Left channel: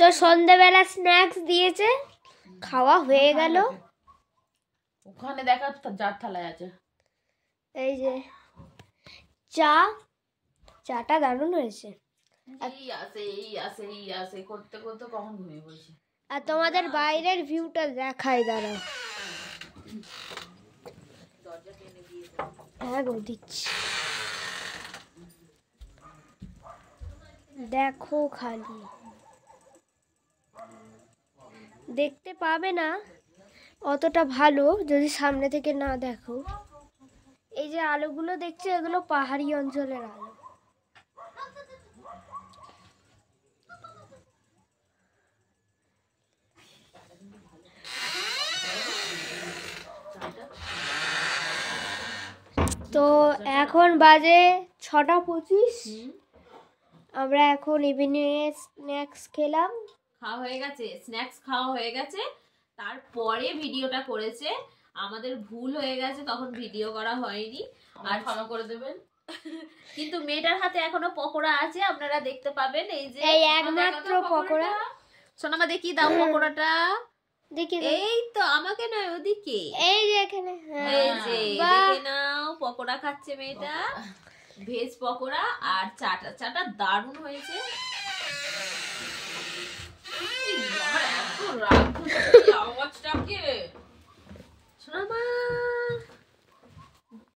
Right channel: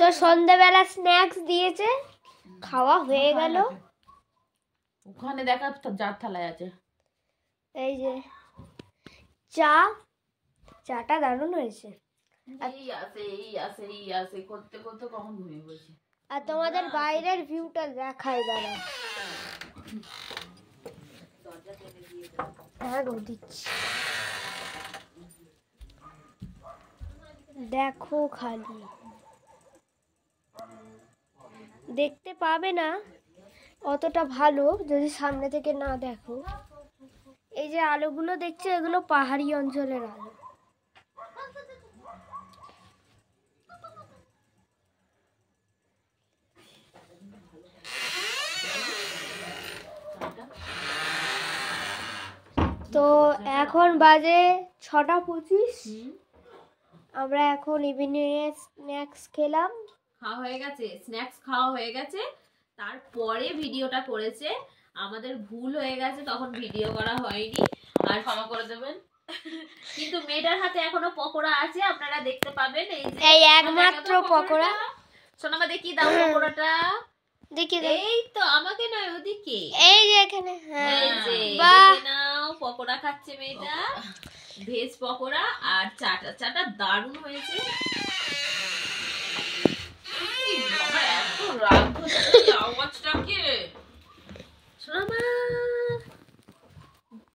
তো সন্ধ্যাবেলা স্ন্যাক্স দিয়েছে, খাওয়া হয়ে গেল। ওখানে দেখা যার থালায় আছে। এই যে চাটা দারুণ হয়েছে। এই আসে করতে করতে কখন ঘুমিয়ে পড়েছি। আর তোমাদের বাইরের ভিউটা দেখাই, দাঁড়াও। হ্যাঁ গো দিচ্ছি, দেখো খালি। দেখতে পাবে না অতটা ভালো যদি সামনে থেকে না দেখো। এই যে আলোগুলো দেখছো, এগুলো পাহাড়ি অঞ্চলের আলো। তো এখন বাজে 6:25। আমরা এখন ইভিনিং এ স্ন্যাক্স খেলাম। খাওয়া হয়ে গেছে, স্ন্যাক্স খাওয়া হয়ে গেছে, তারপরে ভিডিওটা করেছে। আমাদের ভুল হয়ে গেছে, তখন ভিডিও করা হয়নি, আর ক্ষমা করে দেবেন। কিন্তু মেয়েটার হাতে এখনো পকোড়া আছে, আপনারা দেখতে পাবেন। এই একমাত্র পকোড়া। সোনামা দেখি দাও পকোড়াটা, দেখি। এই তো আমাকে নয়, ওদিকে। এই যে এখানে, এই যে দেখে নাও, পকোড়া খাচ্ছে মেয়েটা, ভেজ পকোড়া। আর চাটা দারুণ হয়েছে। আওয়াজটাকে সোনামা